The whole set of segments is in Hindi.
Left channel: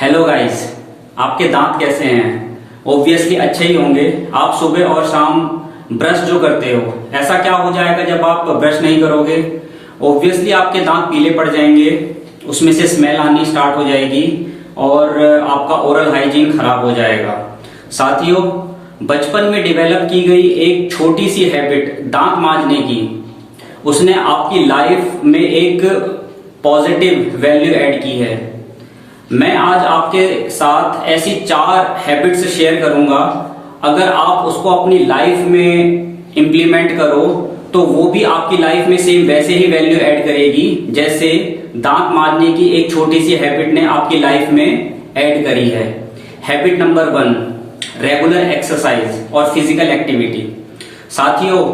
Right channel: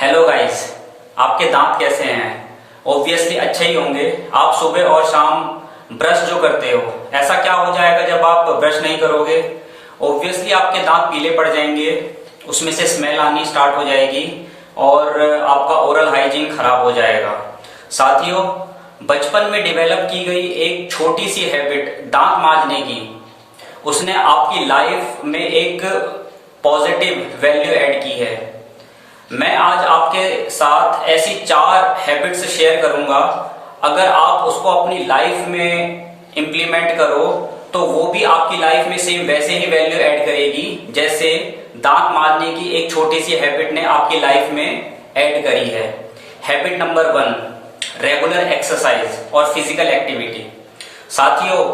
हेलो गाइस, आपके दांत कैसे हैं? ऑब्वियसली अच्छे ही होंगे। आप सुबह और शाम ब्रश जो करते हो, ऐसा क्या हो जाएगा जब आप ब्रश नहीं करोगे? ऑब्वियसली आपके दांत पीले पड़ जाएंगे, उसमें से स्मेल आनी स्टार्ट हो जाएगी और आपका ओरल हाइजीन खराब हो जाएगा। साथियों, बचपन में डेवलप की गई एक छोटी सी हैबिट दांत मांजने की, उसने आपकी लाइफ में एक पॉजिटिव वैल्यू ऐड की है। मैं आज आपके साथ ऐसी 4 हैबिट्स शेयर करूंगा। अगर आप उसको अपनी लाइफ में इंप्लीमेंट करो तो वो भी आपकी लाइफ में सेम वैसे ही वैल्यू ऐड करेगी जैसे दांत मांजने की एक छोटी सी हैबिट ने आपकी लाइफ में ऐड करी है। हैबिट नंबर 1, रेगुलर एक्सरसाइज और फिजिकल एक्टिविटी। साथियों,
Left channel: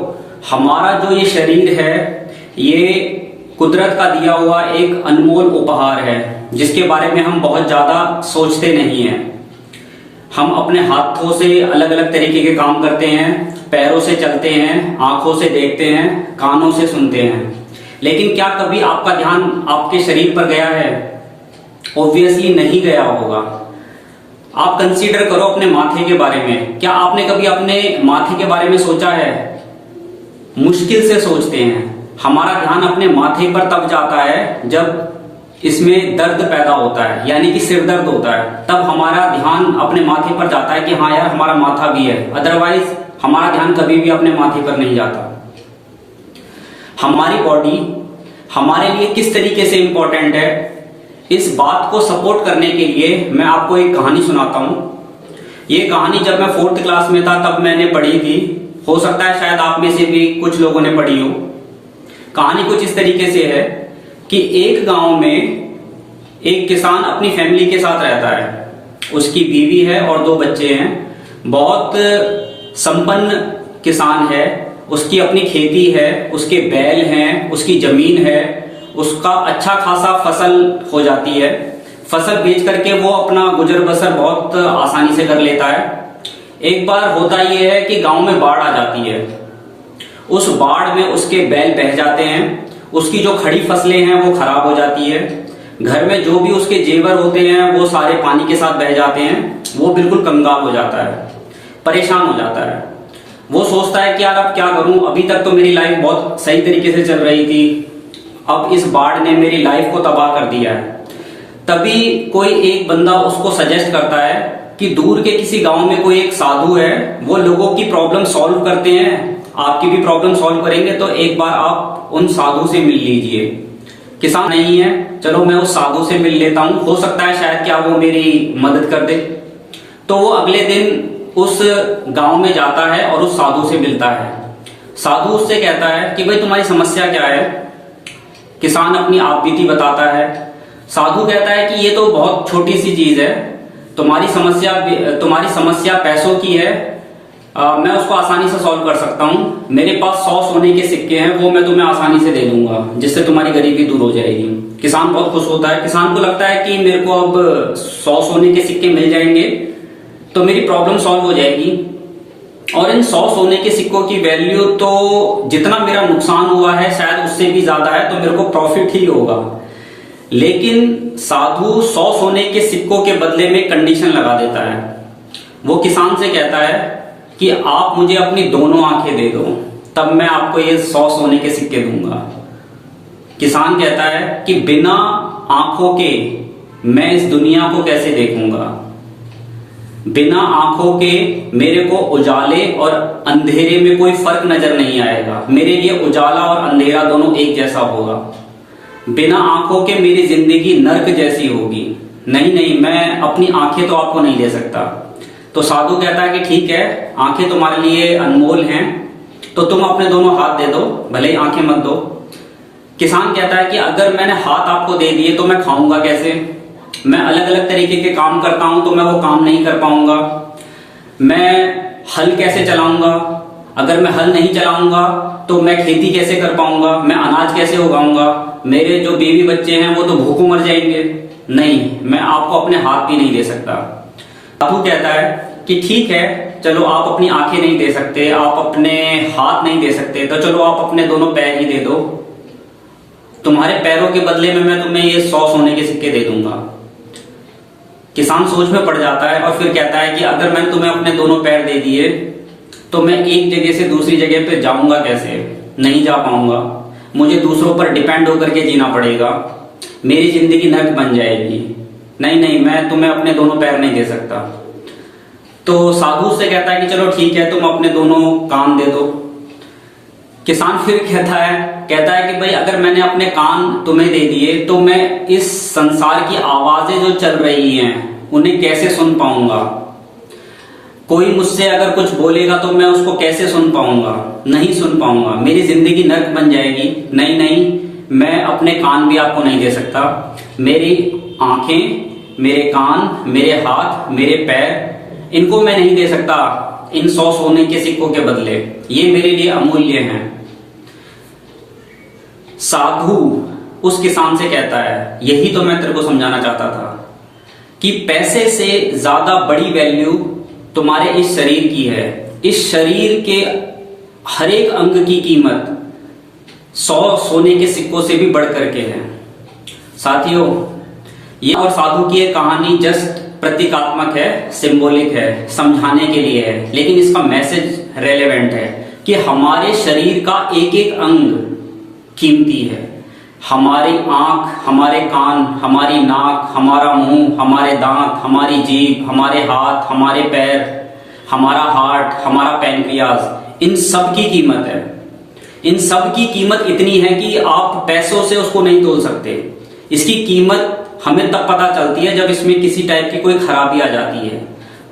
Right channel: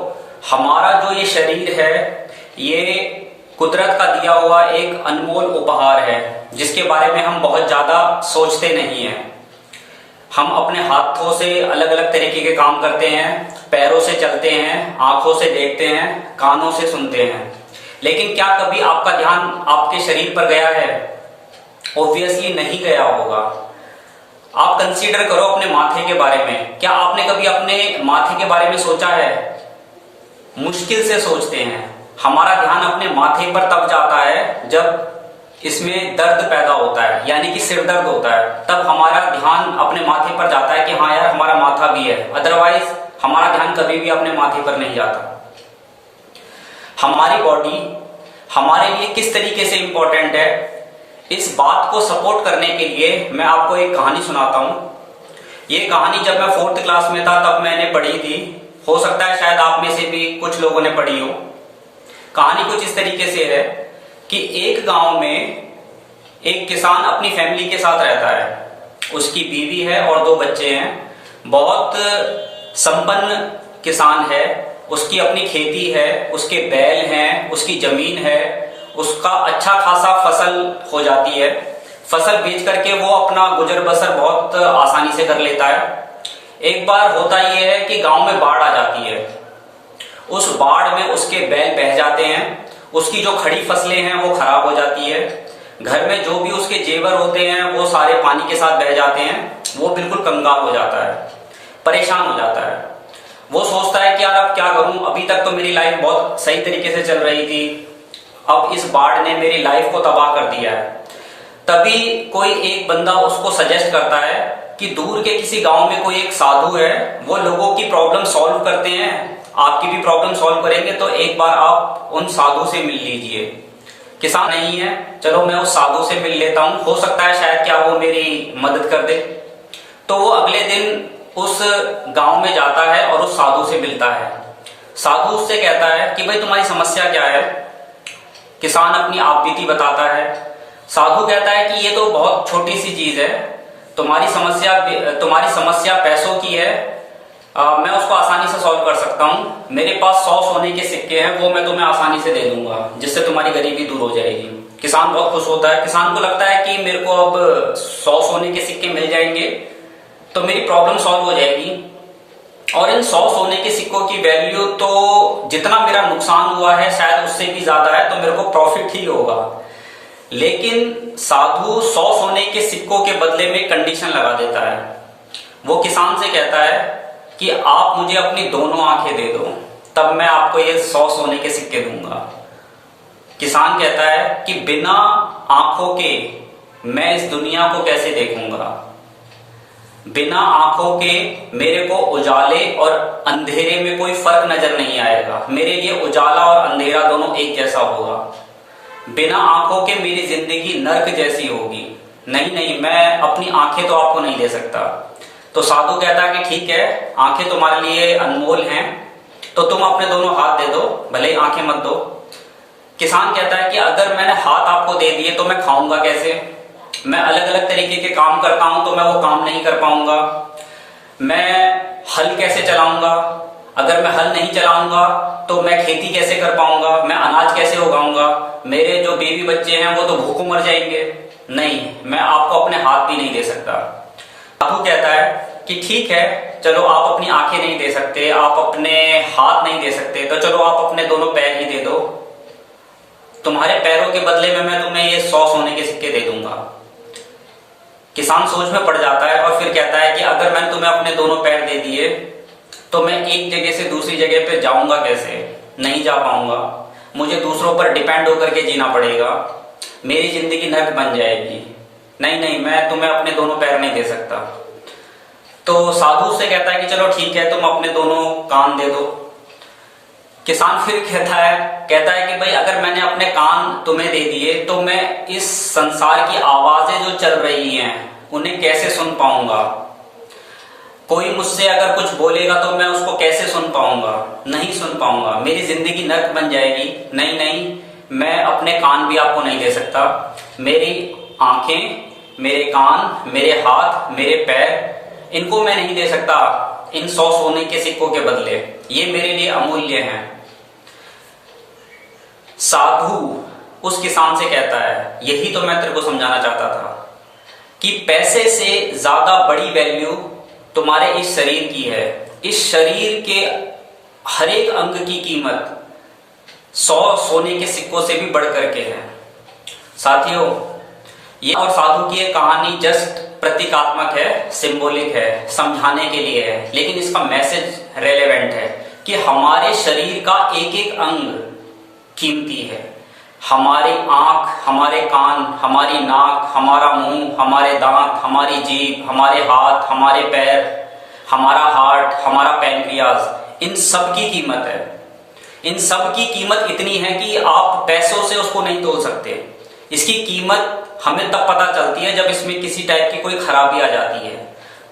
हमारा जो ये शरीर है, ये कुदरत का दिया हुआ एक अनमोल उपहार है जिसके बारे में हम बहुत ज्यादा सोचते नहीं हैं। हम अपने हाथों से अलग अलग तरीके के काम करते हैं, पैरों से चलते हैं, आंखों से देखते हैं, कानों से सुनते हैं, लेकिन क्या कभी आपका ध्यान आपके शरीर पर गया है? ऑब्वियसली नहीं गया होगा। आप कंसीडर करो अपने माथे के बारे में। क्या आपने कभी अपने माथे के बारे में सोचा है? मुश्किल से सोचते हैं। हमारा ध्यान अपने माथे पर तब जाता है जब इसमें दर्द पैदा होता है, यानी कि सिर दर्द होता है, तब हमारा ध्यान अपने माथे पर जाता है कि हाँ यार हमारा माथा भी है। अदरवाइज हमारा ध्यान कभी भी अपने माथे पर नहीं जाता। हमारी बॉडी हमारे लिए किस तरीके से इंपॉर्टेंट है, इस बात को सपोर्ट करने के लिए मैं आपको एक कहानी सुनाता हूं। ये कहानी जब मैं 4th क्लास में था तब मैंने पढ़ी थी। हो सकता है शायद आप में से भी कुछ लोगों ने पढ़ी हो। कहानी कुछ इस तरीके से है कि एक गांव में एक किसान अपनी फैमिली के साथ रहता है। उसकी बीवी है और 2 बच्चे हैं। बहुत संपन्न किसान है। उसकी अपनी खेती है, उसके बैल हैं, उसकी जमीन है, उसका अच्छा खासा फसल हो जाती है। फसल बेच करके वो अपना गुजर बसर बहुत आसानी से कर लेता है। एक बार होता यह है कि गांव में बाढ़ आ जाती है। उस बाढ़ में उसके बैल बह जाते हैं, उसकी जो खड़ी फसलें हैं वो खराब हो जाती है, घर में जो भी उसके जेवर होते हैं वो सारे पानी के साथ बह जाते हैं। वो बिल्कुल कंगाल हो जाता है, परेशान हो जाता है। वो सोचता है कि यार अब क्या करूं, अभी तक तो मेरी लाइफ बहुत सही तरीके से चल रही थी, अब इस बाढ़ ने मेरी लाइफ को तबाह कर दिया है। तभी कोई एक बंदा उसको सजेस्ट करता है कि दूर के किसी गांव में कोई एक साधु है, वो लोगों की प्रॉब्लम सॉल्व करते हैं, आपकी भी प्रॉब्लम सॉल्व करेंगे, तो एक बार आप उन साधु से मिल लीजिए। किसान नहीं है, चलो मैं उस साधु से मिल लेता हूं, हो सकता है शायद क्या वो मेरी मदद कर दे। तो वो अगले दिन उस गांव में जाता है और उस साधु से मिलता है। साधु उससे कहता है कि भाई तुम्हारी समस्या क्या है? किसान अपनी आपबीती बताता है। साधु कहता है कि ये तो बहुत छोटी सी चीज है, तुम्हारी समस्या पैसों की है, मैं उसको आसानी से सॉल्व कर सकता हूं। मेरे पास 100 सोने के सिक्के हैं, वो मैं तुम्हें आसानी से दे दूंगा, जिससे तुम्हारी गरीबी दूर हो जाएगी। किसान बहुत खुश होता है। किसान को लगता है कि मेरे को अब 100 सोने के सिक्के मिल जाएंगे तो मेरी प्रॉब्लम सॉल्व हो जाएगी। और इन 100 सोने के सिक्कों की वैल्यू तो जितना मेरा नुकसान हुआ है शायद उससे भी ज्यादा है, तो मेरे को प्रॉफिट ही होगा। लेकिन साधु 100 सोने के सिक्कों के बदले में कंडीशन लगा देता है। वो किसान से कहता है कि आप मुझे अपनी दोनों आंखें दे दो, तब मैं आपको ये 100 सोने के सिक्के दूंगा। किसान कहता है कि बिना आंखों के मैं इस दुनिया को कैसे देखूंगा? बिना आंखों के मेरे को उजाले और अंधेरे में कोई फर्क नजर नहीं आएगा। मेरे लिए उजाला और अंधेरा दोनों एक जैसा होगा। बिना आंखों के मेरी जिंदगी नर्क जैसी होगी। नहीं, मैं अपनी आंखें तो आपको नहीं दे सकता। तो साधु कहता है कि ठीक है, आंखें तुम्हारे लिए अनमोल हैं, तो तुम अपने दोनों हाथ दे दो, भले ही आंखें मत दो। किसान कहता है कि अगर मैंने हाथ आपको दे दिए तो मैं खाऊंगा कैसे? मैं अलग अलग तरीके के काम करता हूं तो मैं वो काम नहीं कर पाऊंगा। मैं हल कैसे चलाऊंगा? अगर मैं हल नहीं चलाऊंगा तो मैं खेती कैसे कर पाऊंगा? मैं अनाज कैसे उगाऊंगा? मेरे जो बीवी बच्चे हैं वो तो भूखों मर जाएंगे। नहीं, मैं आपको अपने हाथ भी नहीं दे सकता। साधु कहता है कि ठीक है, चलो आप अपनी आंखें नहीं दे सकते, आप अपने हाथ नहीं दे सकते, तो चलो आप अपने दोनों पैर ही दे दो। तुम्हारे पैरों के बदले में मैं तुम्हें ये 100 सोने के सिक्के दे दूंगा। किसान सोच में पड़ जाता है और फिर कहता है कि अगर मैंने तुम्हें अपने दोनों पैर दे दिए तो मैं एक जगह से दूसरी जगह पे जाऊंगा कैसे? नहीं जा पाऊंगा, मुझे दूसरों पर डिपेंड होकर के जीना पड़ेगा, मेरी जिंदगी नर्क बन जाएगी। नहीं नहीं, मैं तुम्हें अपने दोनों पैर नहीं दे सकता। तो साधु से कहता है कि चलो ठीक है, तुम अपने दोनों कान दे दो। किसान फिर कहता है कि भाई अगर मैंने अपने कान तुम्हें दे दिए तो मैं इस संसार की आवाजें जो चल रही हैं उन्हें कैसे सुन पाऊंगा? कोई मुझसे अगर कुछ बोलेगा तो मैं उसको कैसे सुन पाऊंगा? नहीं सुन पाऊंगा, मेरी जिंदगी नर्क बन जाएगी। नहीं नहीं, मैं अपने कान भी आपको नहीं दे सकता। मेरी आंखें, मेरे कान, मेरे हाथ, मेरे पैर, इनको मैं नहीं दे सकता इन 100 सोने के सिक्कों के बदले। ये मेरे लिए अमूल्य हैं। साधु उस किसान से कहता है, यही तो मैं तेरे को समझाना चाहता था कि पैसे से ज्यादा बड़ी वैल्यू तुम्हारे इस शरीर की है। इस शरीर के हर एक अंग की कीमत 100 सोने के सिक्कों से भी बढ़ करके है। साथियों, ये और साधु की एक कहानी जस्ट प्रतीकात्मक है, सिंबॉलिक है, समझाने के लिए है, लेकिन इसका मैसेज रेलेवेंट है कि हमारे शरीर का एक एक अंग कीमती है। हमारी आंख, हमारे कान, हमारी नाक, हमारा मुंह, हमारे दांत, हमारी जीभ, हमारे हाथ, हमारे पैर, हमारा हार्ट, हमारा पैनक्रियाज, इन सब की कीमत है। इन सब की कीमत इतनी है कि आप पैसों से उसको नहीं तोल सकते। इसकी कीमत हमें तब पता चलती है जब इसमें किसी टाइप की कोई खराबी आ जाती है।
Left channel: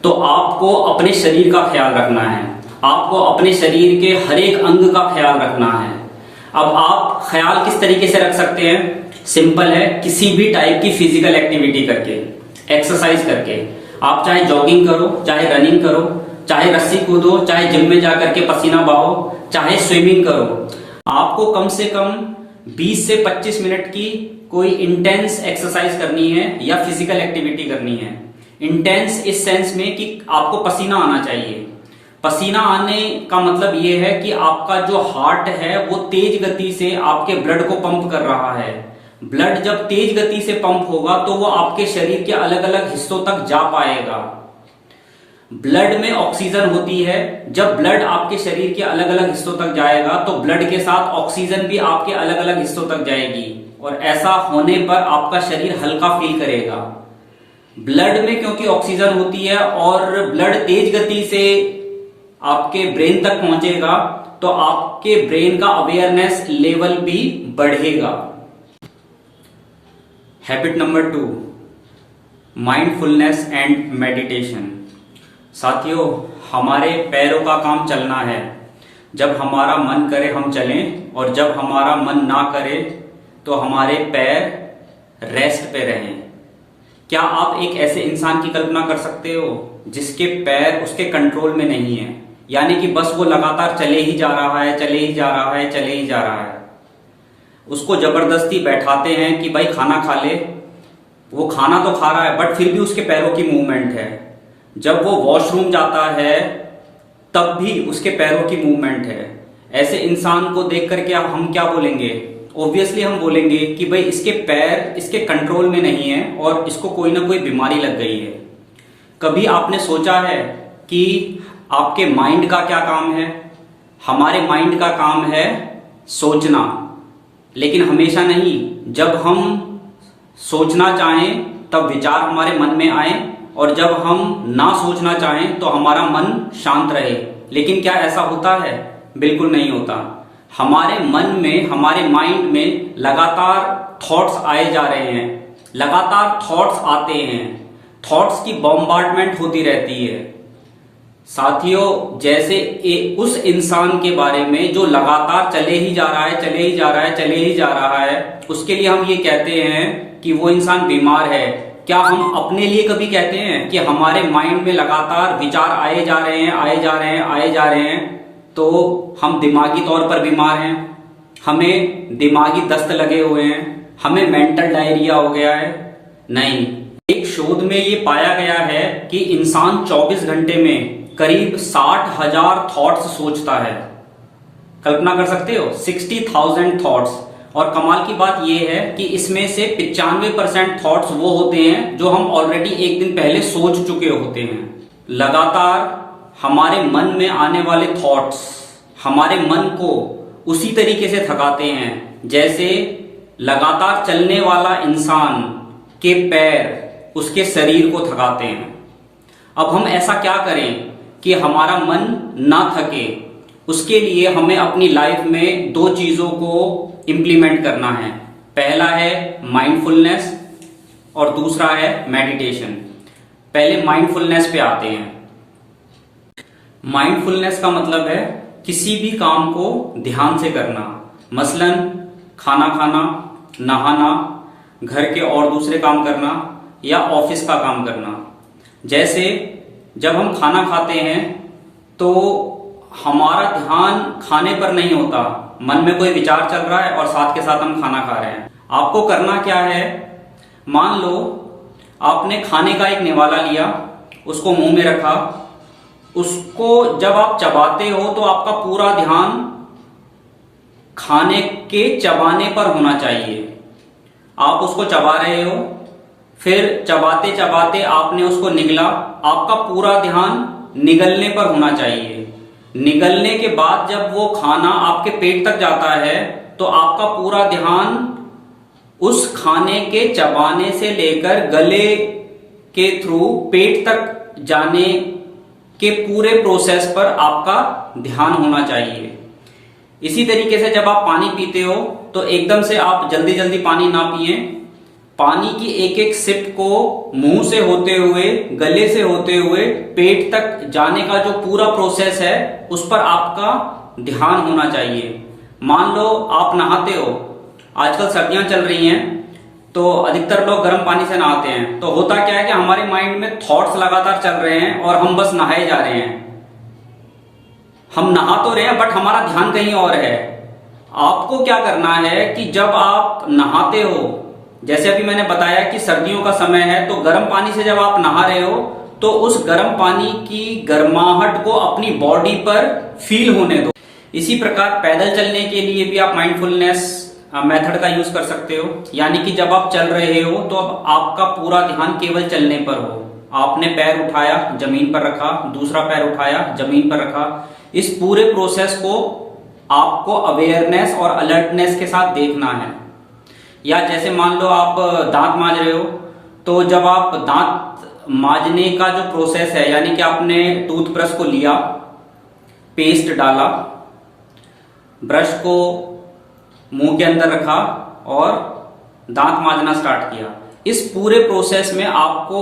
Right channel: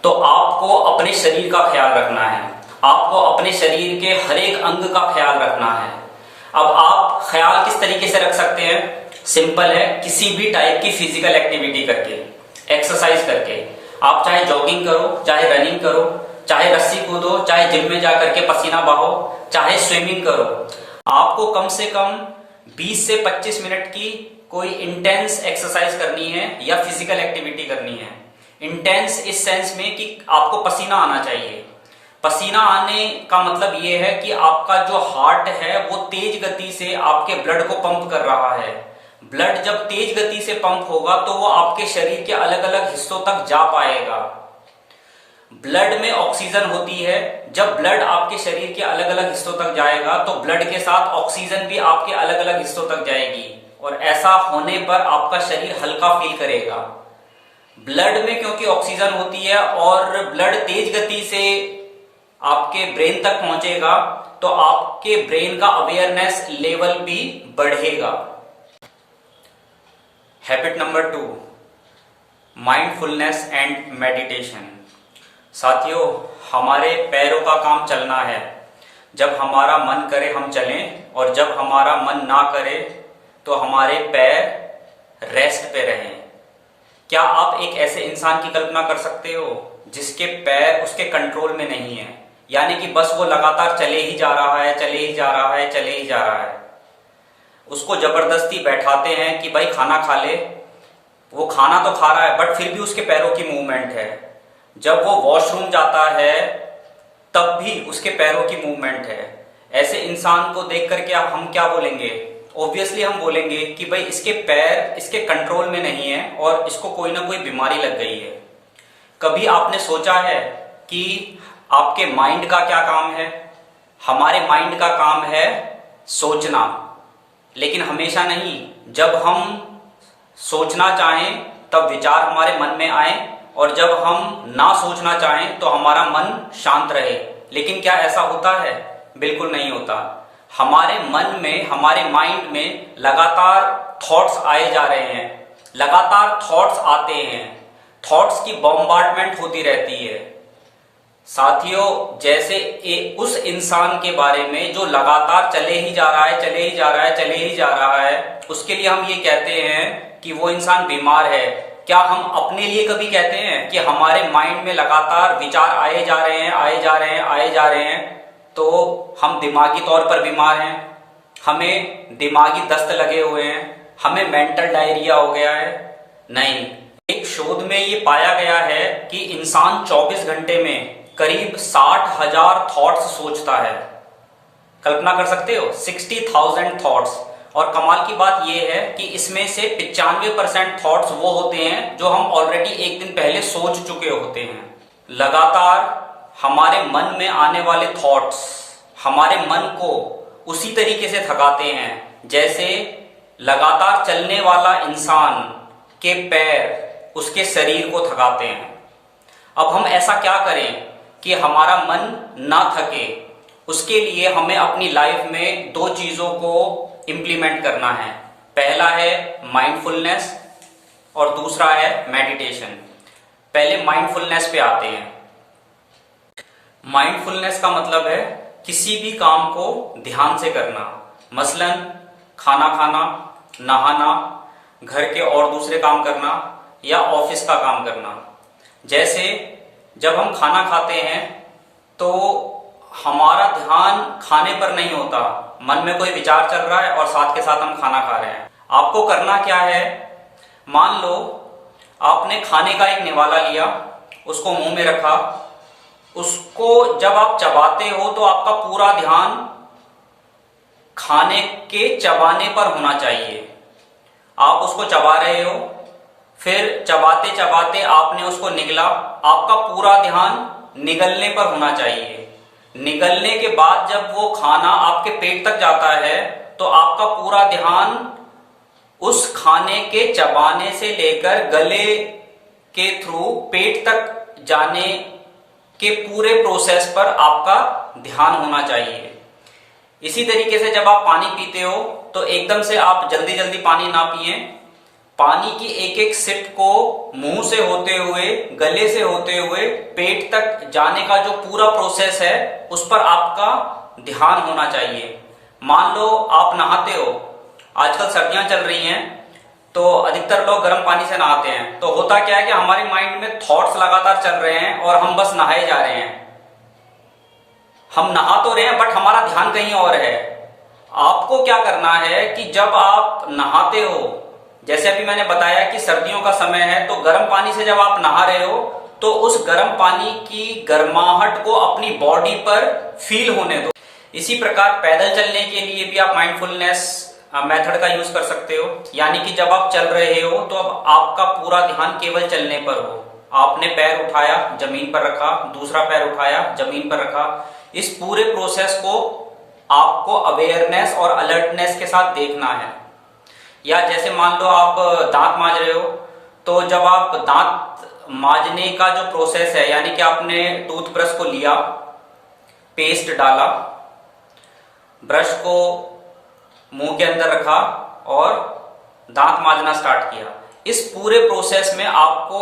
तो आपको अपने शरीर का ख्याल रखना है, आपको अपने शरीर के हर एक अंग का ख्याल रखना है। अब आप ख्याल किस तरीके से रख सकते हैं? सिंपल है, किसी भी टाइप की फिजिकल एक्टिविटी करके, एक्सरसाइज करके। आप चाहे जॉगिंग करो, चाहे रनिंग करो, चाहे रस्सी कूदो, चाहे जिम में जाकर के पसीना बहाओ, चाहे स्विमिंग करो। आपको कम से कम 20 से 25 मिनट की कोई इंटेंस एक्सरसाइज करनी है या फिजिकल एक्टिविटी करनी है। इंटेंस इस सेंस में कि आपको पसीना आना चाहिए। पसीना आने का मतलब ये है कि आपका जो हार्ट है वो तेज गति से आपके ब्लड को पंप कर रहा है। ब्लड जब तेज गति से पंप होगा तो वो आपके शरीर के अलग अलग हिस्सों तक जा पाएगा। ब्लड में ऑक्सीजन होती है। जब ब्लड आपके शरीर के अलग अलग हिस्सों तक जाएगा तो ब्लड के साथ ऑक्सीजन भी आपके अलग अलग हिस्सों तक जाएगी, और ऐसा होने पर आपका शरीर हल्का फील करेगा। ब्लड में क्योंकि ऑक्सीजन होती है और ब्लड तेज गति से आपके ब्रेन तक पहुंचेगा तो आपके ब्रेन का अवेयरनेस लेवल भी बढ़ेगा। Habit number 2, mindfulness and meditation. साथियों, हमारे पैरों का काम चलना है। जब हमारा मन करे हम चलें, और जब हमारा मन ना करे तो हमारे पैर रेस्ट पे रहें। क्या आप एक ऐसे इंसान की कल्पना कर सकते हो जिसके पैर उसके कंट्रोल में नहीं है? यानी कि बस वो लगातार चले ही जा रहा है, चले ही जा रहा है, चले ही जा रहा है। उसको जबरदस्ती बैठाते हैं कि भाई खाना खा ले, वो खाना तो खा रहा है बट फिर भी उसके पैरों की मूवमेंट है। जब वो वॉशरूम जाता है तब भी उसके पैरों की मूवमेंट है। ऐसे इंसान को देख करके हम क्या बोलेंगे? ऑब्वियसली हम बोलेंगे कि भाई इसके पैर इसके कंट्रोल में नहीं है और इसको कोई ना कोई बीमारी लग गई है। कभी आपने सोचा है कि आपके माइंड का क्या काम है? हमारे माइंड का काम है सोचना, लेकिन हमेशा नहीं। जब हम सोचना चाहें तब विचार हमारे मन में आए, और जब हम ना सोचना चाहें तो हमारा मन शांत रहे। लेकिन क्या ऐसा होता है? बिल्कुल नहीं होता। हमारे मन में, हमारे माइंड में लगातार थॉट्स आए जा रहे हैं, लगातार थॉट्स आते हैं, थॉट्स की बॉम्बार्डमेंट होती रहती है। साथियों, जैसे उस इंसान के बारे में जो लगातार चले ही जा रहा है, चले ही जा रहा है, चले ही जा रहा है, उसके लिए हम ये कहते हैं कि वो इंसान बीमार है। क्या हम अपने लिए कभी कहते हैं कि हमारे माइंड में लगातार विचार आए जा रहे हैं, आए जा रहे हैं, आए जा रहे हैं, तो हम दिमागी तौर पर बीमार हैं, हमें दिमागी दस्त लगे हुए हैं, हमें मेंटल डायरिया हो गया है? नहीं। एक शोध में ये पाया गया है कि इंसान 24 घंटे में करीब 60,000 थॉट्स सोचता है। कल्पना कर सकते हो? 60,000 थॉट्स। और कमाल की बात यह है कि इसमें से 95% थॉट्स वो होते हैं जो हम ऑलरेडी एक दिन पहले सोच चुके होते हैं। लगातार हमारे मन में आने वाले थॉट्स हमारे मन को उसी तरीके से थकाते हैं जैसे लगातार चलने वाला इंसान के पैर उसके शरीर को थकाते हैं। अब हम ऐसा क्या करें कि हमारा मन ना थके? उसके लिए हमें अपनी लाइफ में दो चीजों को इंप्लीमेंट करना है। पहला है माइंडफुलनेस और दूसरा है मेडिटेशन। पहले माइंडफुलनेस पे आते हैं। माइंडफुलनेस का मतलब है किसी भी काम को ध्यान से करना, मसलन खाना खाना, नहाना, घर के और दूसरे काम करना या ऑफिस का काम करना। जैसे जब हम खाना खाते हैं तो हमारा ध्यान खाने पर नहीं होता, मन में कोई विचार चल रहा है और साथ के साथ हम खाना खा रहे हैं। आपको करना क्या है, मान लो आपने खाने का एक निवाला लिया, उसको मुंह में रखा, उसको जब आप चबाते हो तो आपका पूरा ध्यान खाने के चबाने पर होना चाहिए। आप उसको चबा रहे हो, फिर चबाते चबाते आपने उसको निगला, आपका पूरा ध्यान निगलने पर होना चाहिए। निगलने के बाद जब वो खाना आपके पेट तक जाता है तो आपका पूरा ध्यान उस खाने के चबाने से लेकर गले के थ्रू पेट तक जाने के पूरे प्रोसेस पर आपका ध्यान होना चाहिए। इसी तरीके से जब आप पानी पीते हो तो एकदम से आप जल्दी जल्दी पानी ना पिए। पानी की एक एक सिप को मुंह से होते हुए, गले से होते हुए पेट तक जाने का जो पूरा प्रोसेस है उस पर आपका ध्यान होना चाहिए। मान लो आप नहाते हो, आजकल सर्दियां चल रही हैं तो अधिकतर लोग गर्म पानी से नहाते हैं, तो होता क्या है कि हमारे माइंड में थॉट्स लगातार चल रहे हैं और हम बस नहाए जा रहे हैं। हम नहा तो रहे हैं बट हमारा ध्यान कहीं और है। आपको क्या करना है कि जब आप नहाते हो, जैसे अभी मैंने बताया कि सर्दियों का समय है, तो गर्म पानी से जब आप नहा रहे हो तो उस गर्म पानी की गर्माहट को अपनी बॉडी पर फील होने दो। इसी प्रकार पैदल चलने के लिए भी आप माइंडफुलनेस मेथड का यूज कर सकते हो। यानी कि जब आप चल रहे हो तो अब आपका पूरा ध्यान केवल चलने पर हो। आपने पैर उठाया, जमीन पर रखा, दूसरा पैर उठाया, जमीन पर रखा। इस पूरे प्रोसेस को आपको अवेयरनेस और अलर्टनेस के साथ देखना है। या जैसे मान लो आप दांत मांज रहे हो, तो जब आप दांत मांजने का जो प्रोसेस है, यानी कि आपने टूथब्रश को लिया, पेस्ट डाला, ब्रश को मुंह के अंदर रखा और दांत मांजना स्टार्ट किया। इस पूरे प्रोसेस में आपको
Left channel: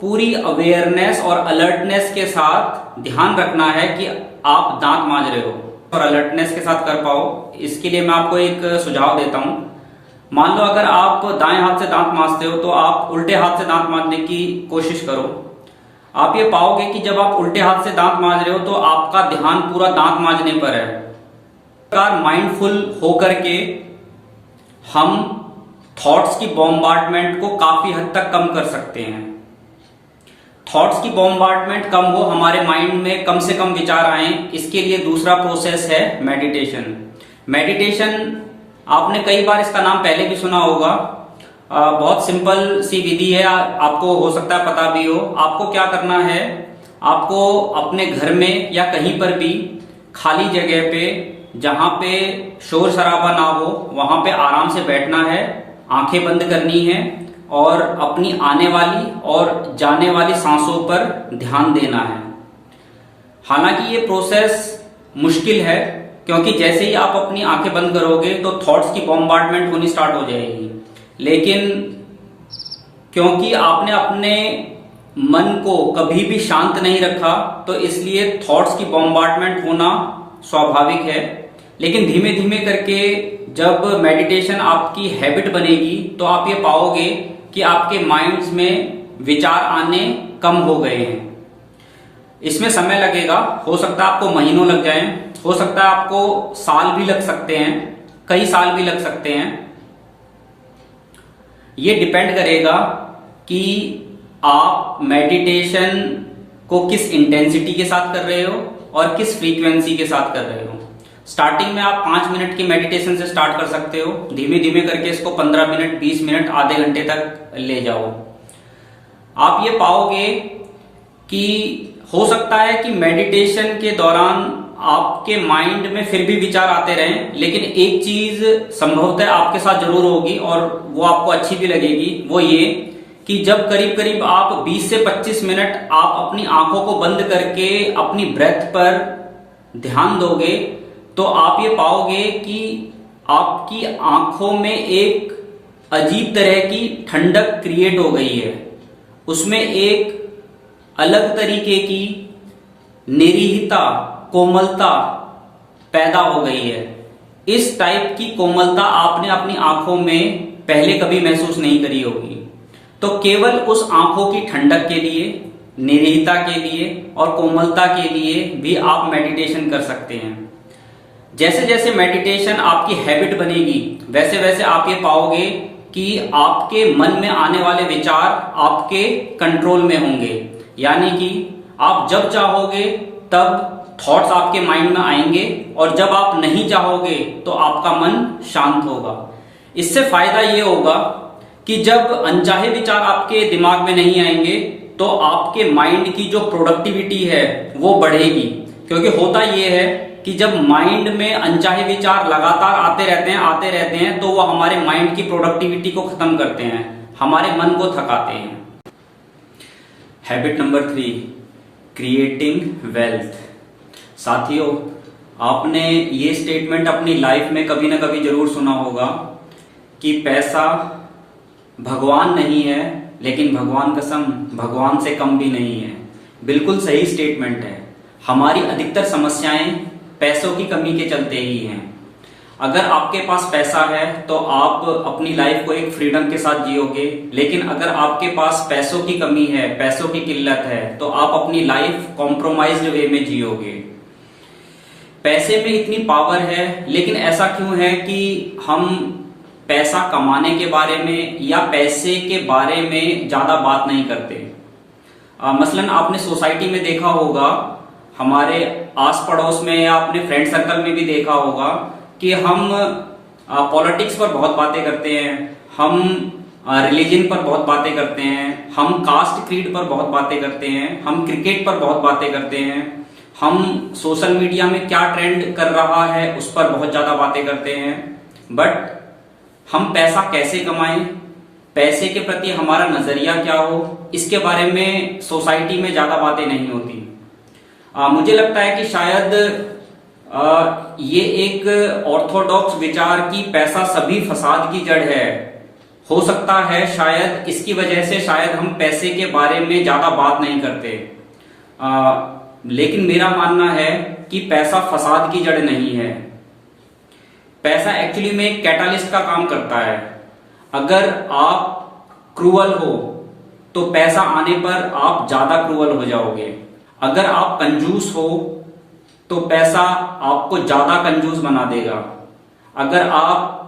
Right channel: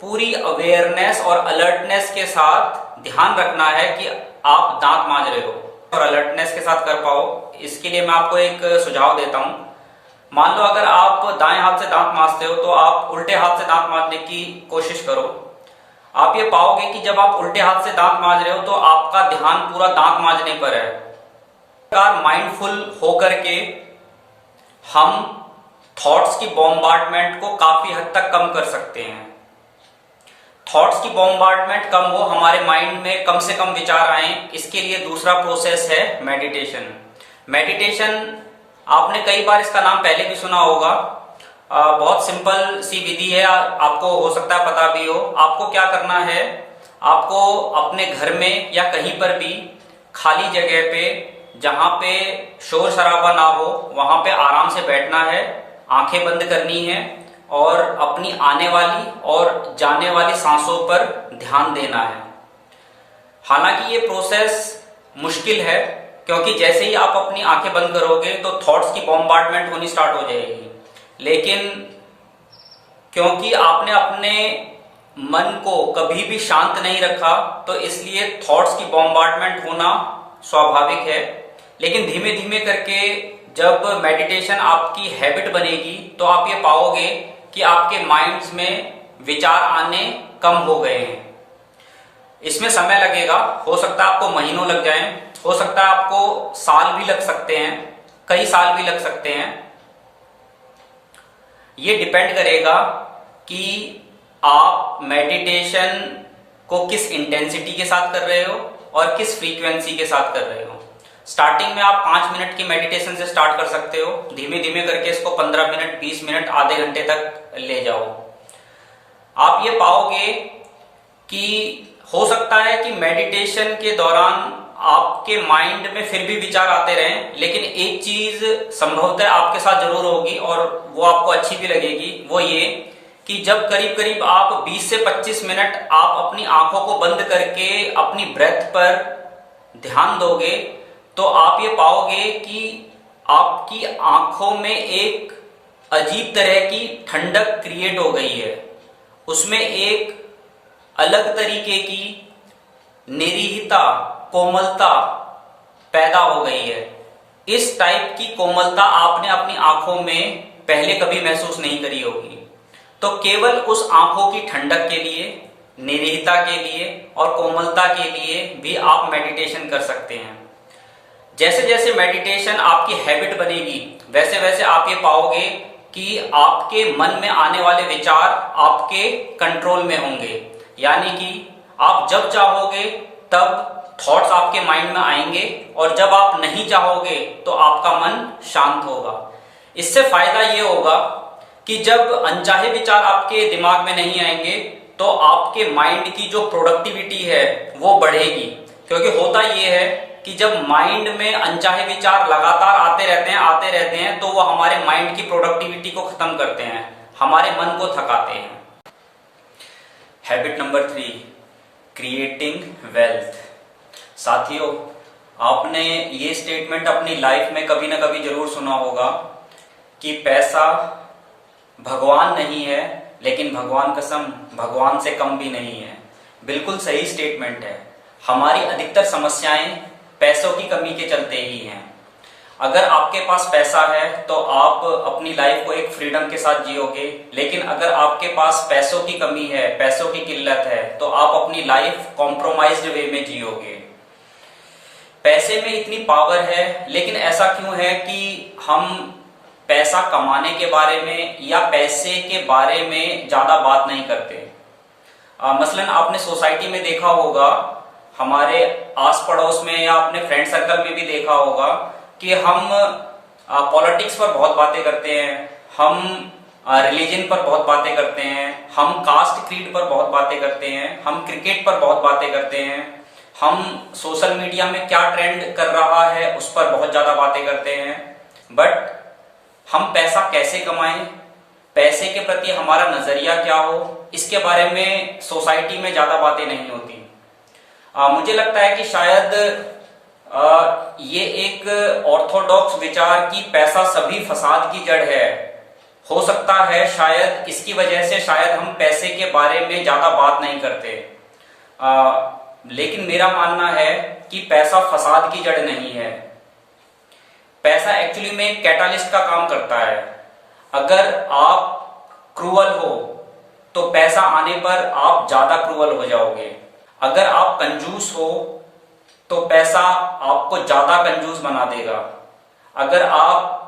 पूरी अवेयरनेस और अलर्टनेस के साथ ध्यान रखना है कि आप दांत मांज रहे हो और अलर्टनेस के साथ कर पाओ। इसके लिए मैं आपको एक सुझाव देता हूं। मान लो अगर आप दाएं हाथ से दांत मांजते हो तो आप उल्टे हाथ से दांत मांजने की कोशिश करो। आप ये पाओगे कि जब आप उल्टे हाथ से दांत मांज रहे हो तो आपका ध्यान पूरा दांत मांजने पर है। माइंडफुल होकर के हम थॉट्स की बॉम्बार्डमेंट को काफी हद तक कम कर सकते हैं। थॉट्स की बॉम्बार्डमेंट कम हो, हमारे माइंड में कम से कम विचार आए, इसके लिए दूसरा प्रोसेस है मेडिटेशन। मेडिटेशन आपने कई बार इसका नाम पहले भी सुना होगा। बहुत सिंपल सी विधि है, आपको हो सकता है पता भी हो। आपको क्या करना है, आपको अपने घर में या कहीं पर भी खाली जगह पे, जहां पे शोर शराबा ना हो, वहां पे आराम से बैठना है, आंखें बंद करनी है और अपनी आने वाली और जाने वाली सांसों पर ध्यान देना है। हालांकि ये प्रोसेस मुश्किल है, क्योंकि जैसे ही आप अपनी आंखें बंद करोगे तो थॉट्स की बॉम्बार्डमेंट होनी स्टार्ट हो जाएगी। लेकिन क्योंकि आपने अपने मन को कभी भी शांत नहीं रखा, तो इसलिए थॉट्स की बॉम्बार्डमेंट होना स्वाभाविक है। लेकिन धीमे धीमे करके जब मेडिटेशन आपकी हैबिट बनेगी तो आप ये पाओगे कि आपके माइंड्स में विचार आने कम हो गए हैं। इसमें समय लगेगा, हो सकता है आपको महीनों लग जाएं, हो सकता है आपको साल भी लग सकते हैं, कई साल भी लग सकते हैं। ये डिपेंड करेगा कि आप मेडिटेशन को किस इंटेंसिटी के साथ कर रहे हो और किस फ्रीक्वेंसी के साथ कर रहे हो। स्टार्टिंग में आप 5 मिनट की मेडिटेशन से स्टार्ट कर सकते हो, धीमे धीमे करके इसको 15 मिनट, 20 मिनट, आधे घंटे तक ले जाओ। आप ये पाओगे कि हो सकता है कि मेडिटेशन के दौरान आपके माइंड में फिर भी विचार आते रहें, लेकिन एक चीज संभवतः आपके साथ जरूर होगी और वो आपको अच्छी भी लगेगी, वो ये कि जब करीब करीब आप 20 से 25 मिनट आप अपनी आंखों को बंद करके अपनी ब्रेथ पर ध्यान दोगे, तो आप ये पाओगे कि आपकी आंखों में एक अजीब तरह की ठंडक क्रिएट हो गई है। उसमें एक अलग तरीके की निरीहता, कोमलता पैदा हो गई है। इस टाइप की कोमलता आपने अपनी आंखों में पहले कभी महसूस नहीं करी होगी। तो केवल उस आंखों की ठंडक के लिए, निरीहता के लिए और कोमलता के लिए भी आप मेडिटेशन कर सकते हैं। जैसे जैसे मेडिटेशन आपकी हैबिट बनेगी, वैसे वैसे आप ये पाओगे कि आपके मन में आने वाले विचार आपके कंट्रोल में होंगे। यानी कि आप जब चाहोगे तब थॉट्स आपके माइंड में आएंगे और जब आप नहीं चाहोगे तो आपका मन शांत होगा। इससे फायदा ये होगा कि जब अनचाहे विचार आपके दिमाग में नहीं आएंगे तो आपके माइंड की जो प्रोडक्टिविटी है वो बढ़ेगी। क्योंकि होता ये है कि जब माइंड में अनचाहे विचार लगातार आते रहते हैं तो वो हमारे माइंड की प्रोडक्टिविटी को खत्म करते हैं, हमारे मन को थकाते हैं। Habit number 3, creating wealth. साथियों, आपने ये स्टेटमेंट अपनी लाइफ में कभी ना कभी जरूर सुना होगा कि पैसा भगवान नहीं है, लेकिन भगवान कसम भगवान से कम भी नहीं है। बिल्कुल सही स्टेटमेंट है। हमारी अधिकतर समस्याएं पैसों की कमी के चलते ही हैं। अगर आपके पास पैसा है तो आप अपनी लाइफ को एक फ्रीडम के साथ जियोगे, लेकिन अगर आपके पास पैसों की कमी है, पैसों की किल्लत है, तो आप अपनी लाइफ कॉम्प्रोमाइज्ड वे में जियोगे। पैसे में इतनी पावर है, लेकिन ऐसा क्यों है कि हम पैसा कमाने के बारे में या पैसे के बारे में ज्यादा बात नहीं करते। मसलन आपने सोसाइटी में देखा होगा, हमारे आस पड़ोस में या अपने फ्रेंड सर्कल में भी देखा होगा कि हम पॉलिटिक्स पर बहुत बातें करते हैं, हम रिलीजन पर बहुत बातें करते हैं, हम कास्ट क्रीड पर बहुत बातें करते हैं, हम क्रिकेट पर बहुत बातें करते हैं, हम सोशल मीडिया में क्या ट्रेंड कर रहा है उस पर बहुत ज्यादा बातें करते हैं। बट हम पैसा कैसे कमाएं, पैसे के प्रति हमारा नजरिया क्या हो, इसके बारे में सोसाइटी में ज्यादा बातें नहीं होती। मुझे लगता है कि शायद ये एक ऑर्थोडॉक्स विचार की पैसा सभी फसाद की जड़ है। हो सकता है शायद इसकी वजह से शायद हम पैसे के बारे में ज्यादा बात नहीं करते। लेकिन मेरा मानना है कि पैसा फसाद की जड़ नहीं है। पैसा एक्चुअली में एक कैटालिस्ट का काम करता है। अगर आप क्रूअल हो तो पैसा आने पर आप ज्यादा क्रूअल हो जाओगे। अगर आप कंजूस हो तो पैसा आपको ज्यादा कंजूस बना देगा। अगर आप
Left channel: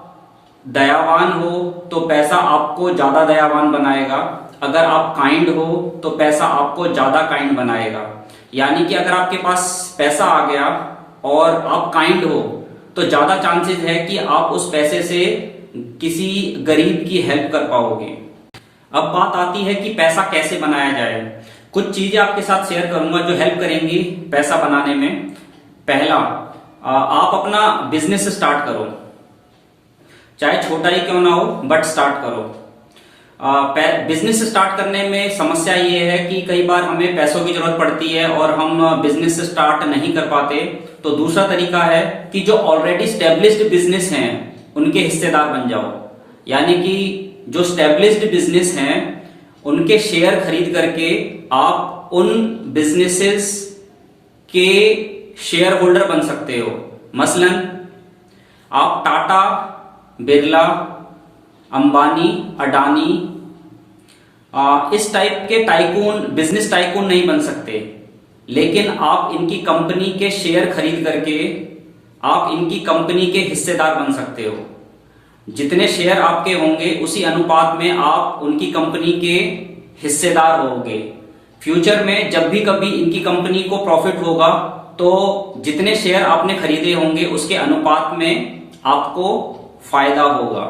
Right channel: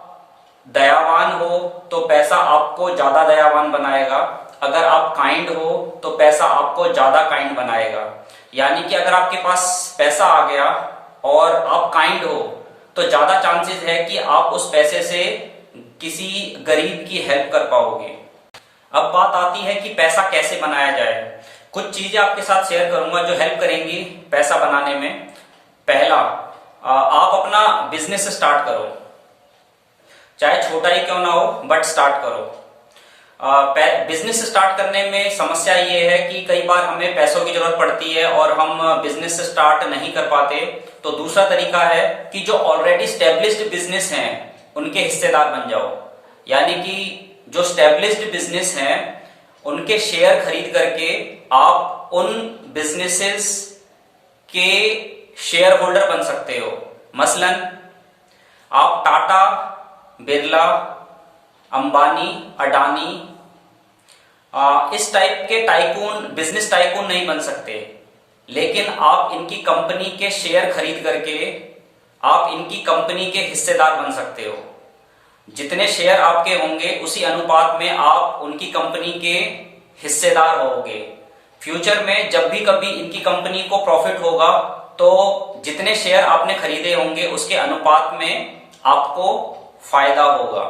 दयावान हो तो पैसा आपको ज्यादा दयावान बनाएगा। अगर आप काइंड हो तो पैसा आपको ज्यादा काइंड बनाएगा। यानी कि अगर आपके पास पैसा आ गया और आप काइंड हो तो ज्यादा चांसेस है कि आप उस पैसे से किसी गरीब की हेल्प कर पाओगे। अब बात आती है कि पैसा कैसे बनाया जाए। कुछ चीजें आपके साथ शेयर करूंगा जो हेल्प करेंगी पैसा बनाने में। पहला, आप अपना बिजनेस स्टार्ट करो, चाहे छोटा ही क्यों ना हो, बट स्टार्ट करो। बिजनेस स्टार्ट करने में समस्या ये है कि कई बार हमें पैसों की जरूरत पड़ती है और हम बिजनेस स्टार्ट नहीं कर पाते। तो दूसरा तरीका है कि जो ऑलरेडी स्टेब्लिश्ड बिजनेस हैं उनके हिस्सेदार बन जाओ। यानी कि जो स्टेब्लिश्ड बिजनेस हैं उनके शेयर खरीद करके आप उन बिजनेसेस के शेयर होल्डर बन सकते हो। मसलन आप टाटा, बिरला, अंबानी, अडानी इस टाइप के टाइकून, बिजनेस टाइकून नहीं बन सकते, लेकिन आप इनकी कंपनी के शेयर खरीद करके आप इनकी कंपनी के हिस्सेदार बन सकते हो। जितने शेयर आपके होंगे उसी अनुपात में आप उनकी कंपनी के हिस्सेदार होगे। फ्यूचर में जब भी कभी इनकी कंपनी को प्रॉफिट होगा तो जितने शेयर आपने खरीदे होंगे उसके अनुपात में आपको फायदा होगा।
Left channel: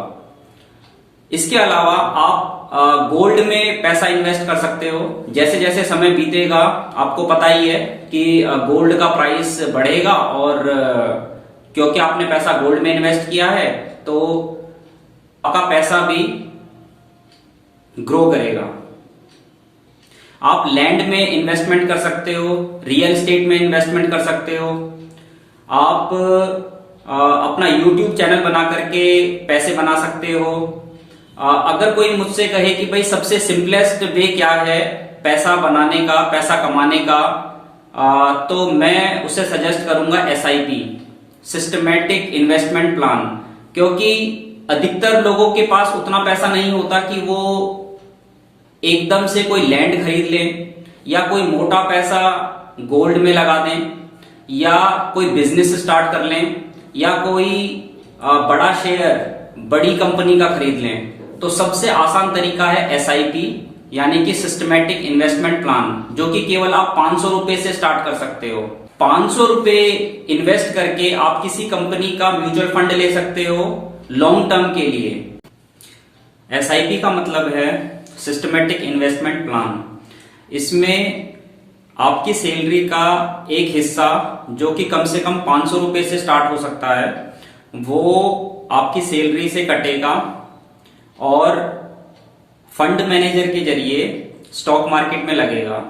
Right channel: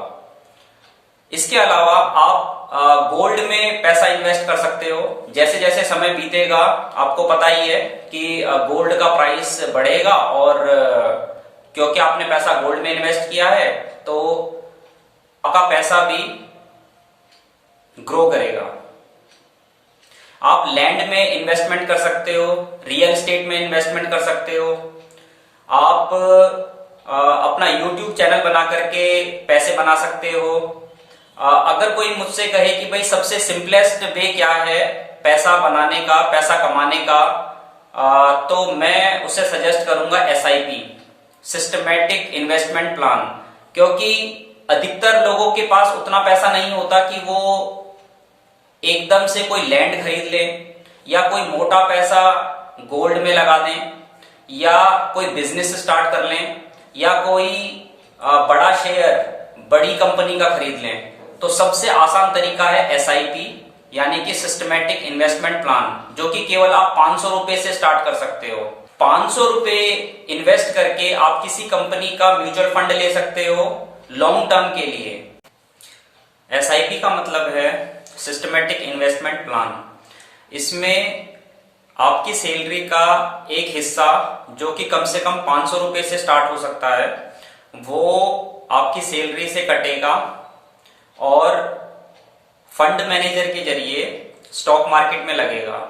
इसके अलावा आप गोल्ड में पैसा इन्वेस्ट कर सकते हो। जैसे जैसे समय बीतेगा आपको पता ही है कि गोल्ड का प्राइस बढ़ेगा, और क्योंकि आपने पैसा गोल्ड में इन्वेस्ट किया है तो आपका पैसा भी ग्रो करेगा। आप लैंड में इन्वेस्टमेंट कर सकते हो, रियल एस्टेट में इन्वेस्टमेंट कर सकते हो। आप अपना यूट्यूब चैनल बना करके पैसे बना सकते हो। अगर कोई मुझसे कहे कि भाई सबसे सिंपलेस्ट वे क्या है पैसा बनाने का, पैसा कमाने का, तो मैं उसे सजेस्ट करूंगा SIP, सिस्टमैटिक इन्वेस्टमेंट प्लान। क्योंकि अधिकतर लोगों के पास उतना पैसा नहीं होता कि वो एकदम से कोई लैंड खरीद लें, या कोई मोटा पैसा गोल्ड में लगा दें, या कोई बिजनेस स्टार्ट कर लें, या कोई बड़ा शेयर बड़ी कंपनी का खरीद लें। तो सबसे आसान तरीका है SIP, यानी कि सिस्टमैटिक इन्वेस्टमेंट प्लान, जो कि केवल आप 500 रुपए से स्टार्ट कर सकते हो। 500 रुपए इन्वेस्ट करके आप किसी कंपनी का म्यूचुअल फंड ले सकते हो लॉन्ग टर्म के लिए। SIP का मतलब है सिस्टमैटिक इन्वेस्टमेंट प्लान। इसमें आपकी सैलरी का एक हिस्सा, जो कि कम से कम 500 रुपए से स्टार्ट हो सकता है, वो आपकी सैलरी से कटेगा और फंड मैनेजर के जरिए स्टॉक मार्केट में लगेगा।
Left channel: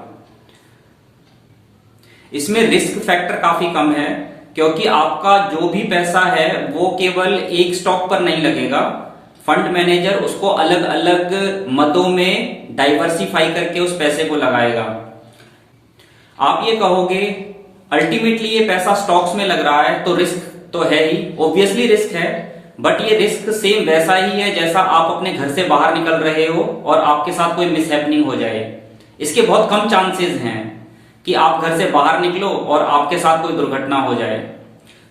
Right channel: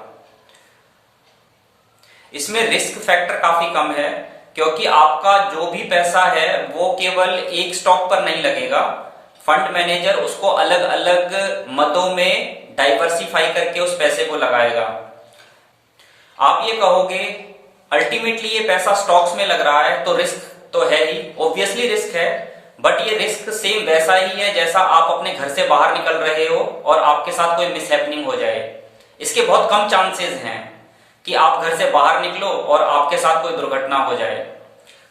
इसमें रिस्क फैक्टर काफी कम है, क्योंकि आपका जो भी पैसा है वो केवल एक स्टॉक पर नहीं लगेगा। फंड मैनेजर उसको अलग अलग मदों में डाइवर्सिफाई करके उस पैसे को लगाएगा। आप ये कहोगे अल्टीमेटली ये पैसा स्टॉक्स में लग रहा है तो रिस्क तो है ही, ऑब्वियसली रिस्क है, बट ये रिस्क सेम वैसा ही है जैसा आप अपने घर से बाहर निकल रहे हो और आपके साथ कोई मिसहैपनिंग हो जाए। इसके बहुत कम चांसेस हैं कि आप घर से बाहर निकलो और आपके साथ कोई दुर्घटना हो जाए।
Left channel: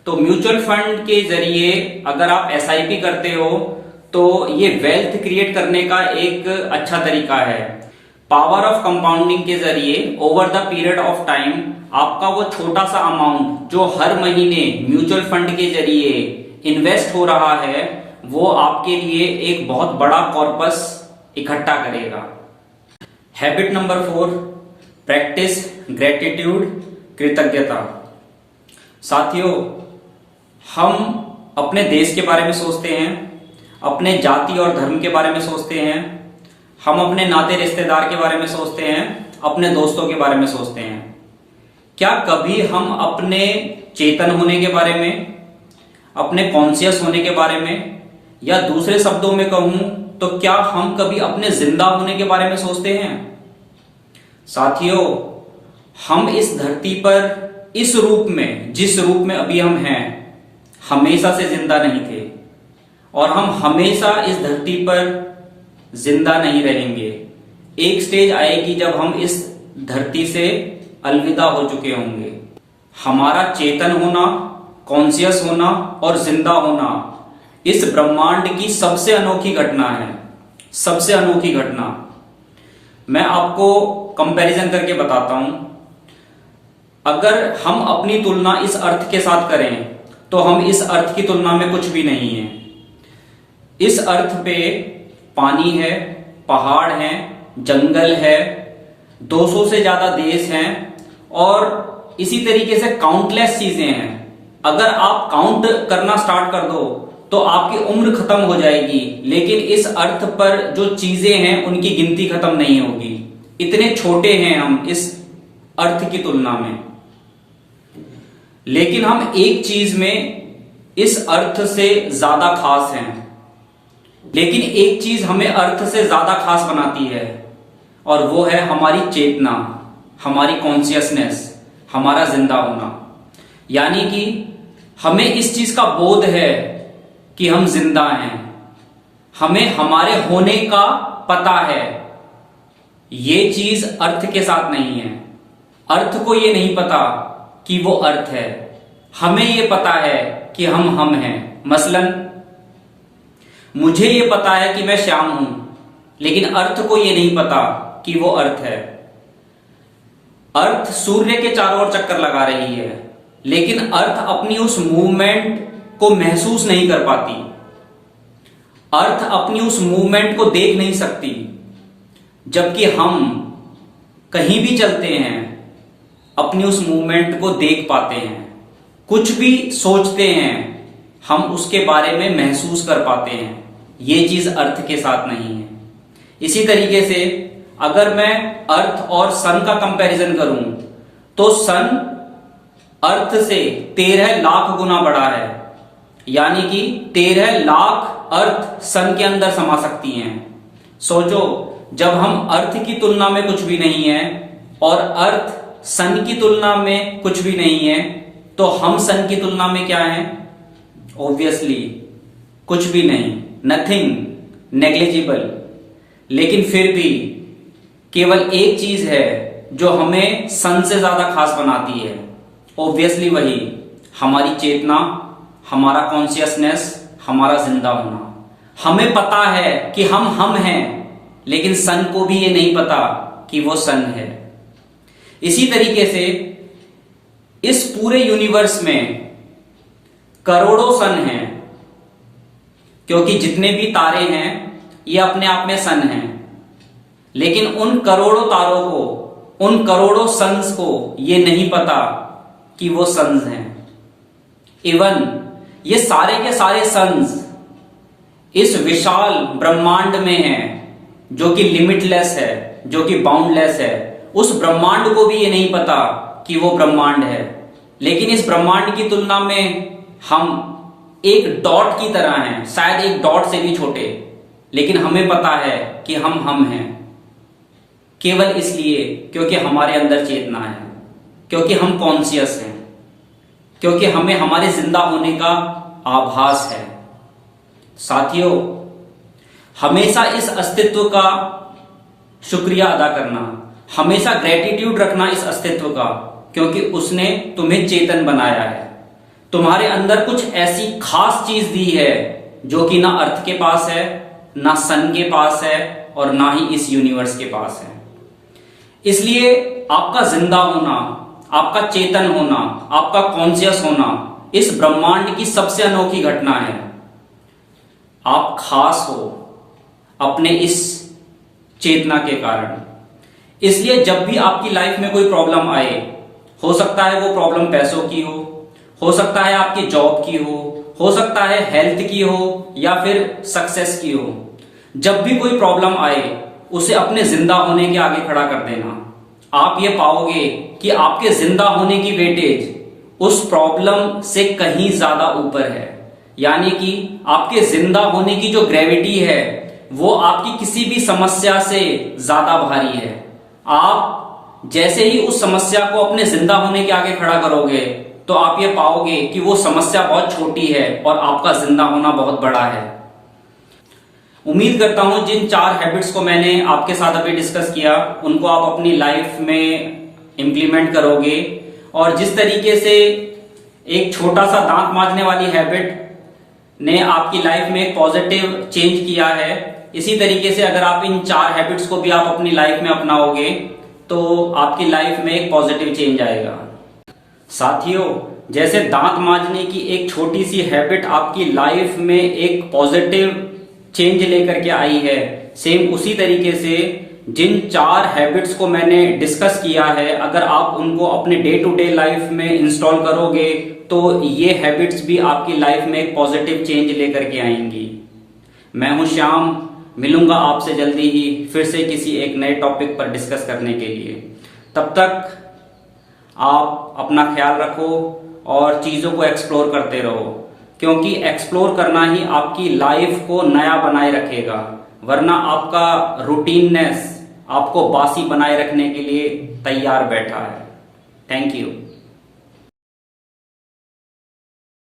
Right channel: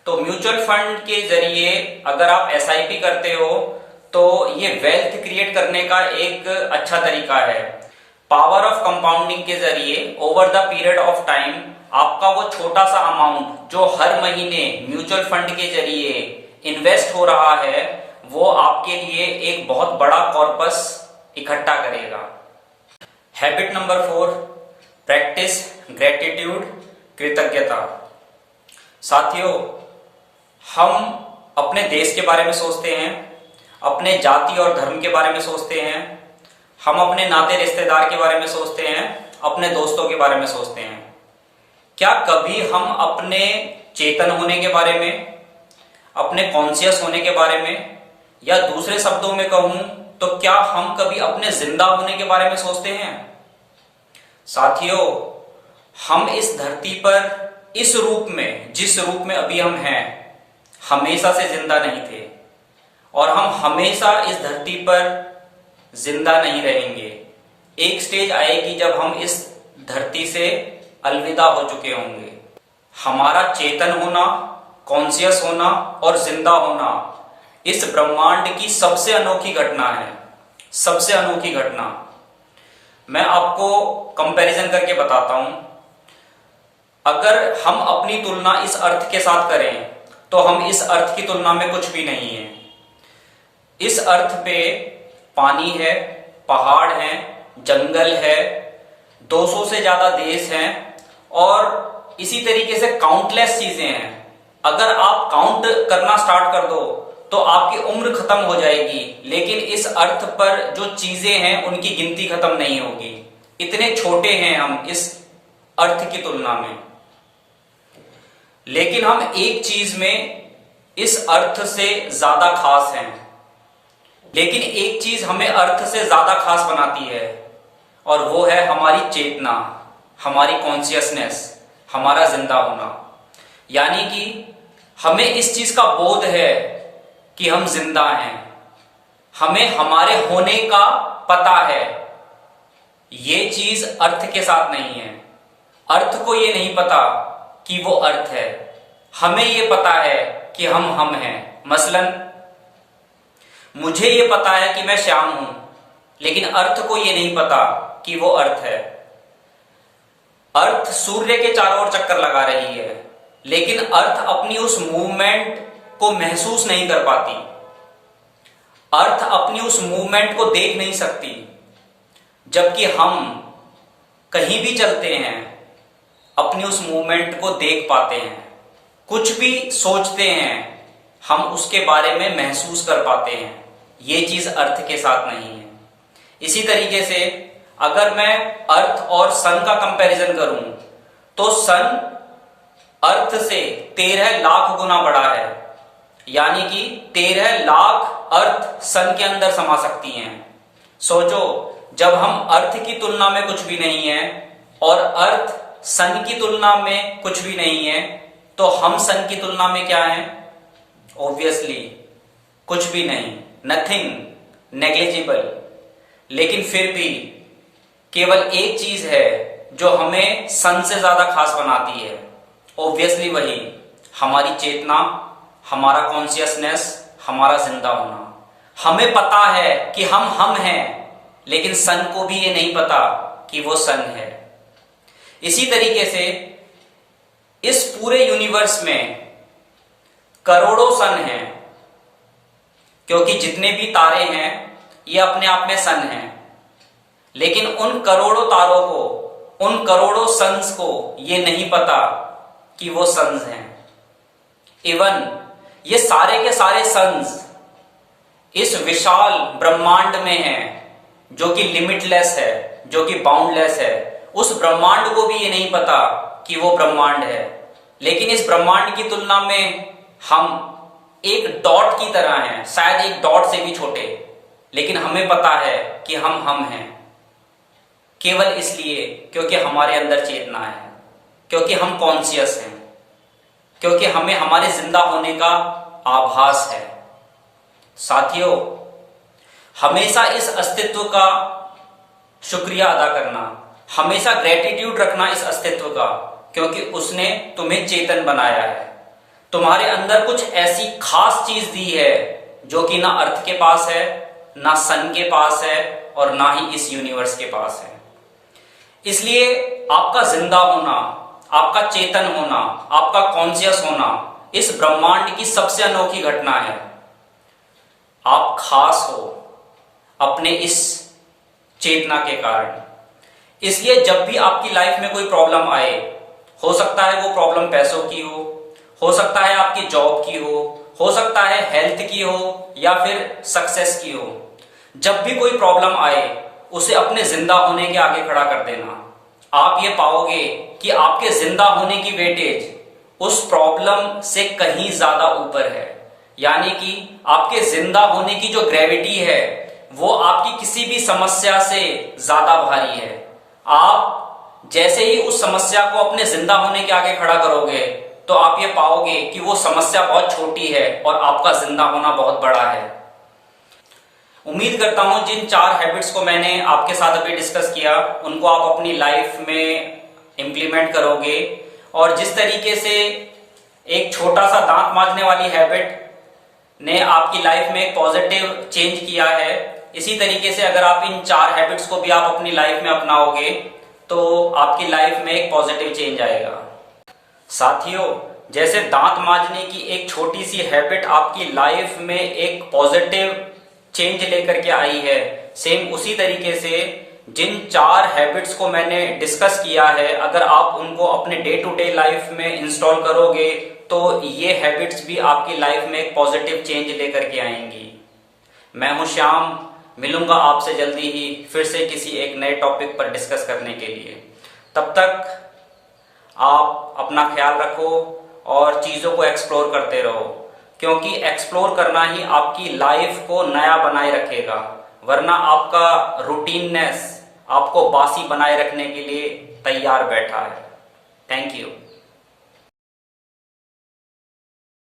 तो म्यूचुअल फंड के जरिए अगर आप SIP करते हो तो ये वेल्थ क्रिएट करने का एक अच्छा तरीका है। पावर ऑफ कंपाउंडिंग के जरिए over the period of time आपका वो छोटा सा अमाउंट जो हर महीने म्यूचुअल फंड के जरिए इन्वेस्ट हो रहा है, वो आपके लिए एक बहुत बड़ा कॉर्पस इकट्ठा करेगा। हैबिट नंबर 4, प्रैक्टिस ग्रेटिट्यूड, कृतज्ञता। साथियों, हम अपने देश के बारे में सोचते हैं, अपने जाति और धर्म के बारे में सोचते हैं, हम अपने नाते रिश्तेदार के बारे में सोचते हैं, अपने दोस्तों के बारे में सोचते हैं। क्या कभी हम अपने चेतन होने के बारे में, अपने कॉन्शियस होने के बारे में, या दूसरे शब्दों में कहूं तो क्या हम कभी अपने जिंदा होने के बारे में सोचते हैं? साथियों, हम इस धरती पर इस रूप में, जिस रूप में अभी हम हैं, हमेशा से जिंदा नहीं थे, और हम हमेशा इस धरती पर जिंदा नहीं रहेंगे। एक स्टेज आएगी जब हम इस धरती से अलविदा हो चुके होंगे। हमारा चेतन होना, कॉन्शियस होना और जिंदा होना इस ब्रह्मांड की सबसे अनोखी घटना है, सबसे अनोखी घटना। मैं आपको कंपैरिजन करके बताता हूं। अगर हम अपनी तुलना इस अर्थ के साथ करें तो हम इस अर्थ की तुलना में कुछ भी नहीं है। इस अर्थ पे पानी है, पहाड़ हैं, जंगल है, 200 से ज्यादा देश हैं, और इसी तरीके से काउंटलेस चीजें हैं। अगर आप काउंट करना स्टार्ट कर दो तो आपकी उम्र खत्म हो जाएगी, लेकिन इस अर्थ पर जो चीजें हैं उनकी गिनती खत्म नहीं होगी। इतने छोटे हैं हम इस अर्थ की तुलना में। लेकिन हम एक चीज में इस अर्थ से ज्यादा खास हैं। लेकिन एक चीज हमें अर्थ से ज्यादा खास बनाती है, और वो है हमारी चेतना, हमारी कॉन्शियसनेस, हमारा जिंदा होना। यानी कि हमें इस चीज का बोध है कि हम जिंदा हैं, हमें हमारे होने का पता है। ये चीज अर्थ के साथ नहीं है। अर्थ को ये नहीं पता कि वो अर्थ है, हमें ये पता है कि हम हैं। मसलन मुझे ये पता है कि मैं श्याम हूं, लेकिन अर्थ को ये नहीं पता कि वो अर्थ है। अर्थ सूर्य के चारों ओर चक्कर लगा रही है, लेकिन अर्थ अपनी उस मूवमेंट को महसूस नहीं कर पाती, अर्थ अपनी उस मूवमेंट को देख नहीं सकती, जबकि हम कहीं भी चलते हैं अपनी उस मूवमेंट को देख पाते हैं। कुछ भी सोचते हैं हम उसके बारे में महसूस कर पाते हैं। ये चीज अर्थ के साथ नहीं है। इसी तरीके से अगर मैं अर्थ और सन का कंपैरिजन करूं तो सन अर्थ से 13 लाख गुना बड़ा है, यानी कि 13 लाख अर्थ सन के अंदर समा सकती हैं। सोचो, जब हम अर्थ की तुलना में कुछ भी नहीं है और अर्थ सन की तुलना में कुछ भी नहीं है, तो हम सन की तुलना में क्या है? ऑब्वियसली कुछ भी नहीं, नथिंग, नेग्लिजिबल। लेकिन फिर भी केवल एक चीज है जो हमें सन से ज्यादा खास बनाती है। ऑब्वियसली वही हमारी चेतना, हमारा कॉन्शियसनेस, हमारा जिंदा होना। हमें पता है कि हम हैं, लेकिन सन को भी ये नहीं पता कि वो सन है। इसी तरीके से इस पूरे यूनिवर्स में करोड़ों सन हैं, क्योंकि जितने भी तारे हैं ये अपने आप में सन हैं। लेकिन उन करोड़ों तारों को, उन करोड़ों सन्स को ये नहीं पता कि वो सन्स हैं। इवन ये सारे के सारे सन्स इस विशाल ब्रह्मांड में हैं, जो कि लिमिटलेस है, जो कि बाउंडलेस है। उस ब्रह्मांड को भी ये नहीं पता कि वो ब्रह्मांड है। लेकिन इस ब्रह्मांड की तुलना में हम एक डॉट की तरह हैं, शायद एक डॉट से भी छोटे, लेकिन हमें पता है कि हम हैं। केवल इसलिए क्योंकि हमारे अंदर चेतना है, क्योंकि हम कॉन्शियस हैं, क्योंकि हमें हमारे जिंदा होने का आभास है। साथियों, हमेशा इस अस्तित्व का शुक्रिया अदा करना, हमेशा ग्रेटिट्यूड रखना इस अस्तित्व का, क्योंकि उसने तुम्हें चेतन बनाया है। तुम्हारे अंदर कुछ ऐसी खास चीज दी है जो कि ना अर्थ के पास है, ना सन के पास है, और ना ही इस यूनिवर्स के पास है। इसलिए आपका जिंदा होना, आपका चेतन होना, आपका कॉन्शियस होना इस ब्रह्मांड की सबसे अनोखी घटना है। आप खास हो अपने इस चेतना के कारण। इसलिए जब भी आपकी लाइफ में कोई प्रॉब्लम आए, हो सकता है वो प्रॉब्लम पैसों की हो सकता है आपकी जॉब की हो सकता है हेल्थ की हो, या फिर सक्सेस की हो। जब भी कोई प्रॉब्लम आए उसे अपने जिंदा होने के आगे खड़ा कर देना। आप ये पाओगे कि आपके जिंदा होने की वेटेज उस प्रॉब्लम से कहीं ज्यादा ऊपर है। यानी कि आपके जिंदा होने की जो ग्रेविटी है वो आपकी किसी भी समस्या से ज्यादा भारी है। आप जैसे ही उस समस्या को अपने जिंदा होने के आगे खड़ा करोगे तो आप ये पाओगे कि वो समस्या बहुत छोटी है और आपका जिंदा होना बहुत बड़ा है। उम्मीद करता हूं जिन 4 हैबिट्स को मैंने आपके साथ अभी डिस्कस किया उनको आप अपनी लाइफ में इंप्लीमेंट करोगे, और जिस तरीके से एक छोटा सा दांत मांजने वाली हैबिट ने आपकी लाइफ में एक पॉजिटिव चेंज किया है, इसी तरीके से अगर आप इन 4 हैबिट्स को भी आप अपनी लाइफ में अपनाओगे तो आपकी लाइफ में एक पॉजिटिव चेंज आएगा। साथियों, जैसे दांत मांजने की एक छोटी सी हैबिट आपकी लाइफ में एक पॉजिटिव चेंज लेकर के आई है, सेम उसी तरीके से जिन 4 हैबिट्स को मैंने डिस्कस किया है, अगर आप उनको अपने डे टू डे लाइफ में इंस्टॉल करोगे तो ये हैबिट्स भी आपकी लाइफ में एक पॉजिटिव चेंज लेकर के आएंगी। मैं हूं श्याम, मिलूंगा आपसे जल्दी ही फिर से किसी एक नए टॉपिक पर डिस्कस करने के लिए। तब तक आप अपना ख्याल रखो और चीजों को एक्सप्लोर करते रहो, क्योंकि एक्सप्लोर करना ही आपकी लाइफ को नया बनाए रखेगा, वरना आपका रूटीननेस आपको बासी बनाए रखने के लिए तैयार बैठा है। Thank you.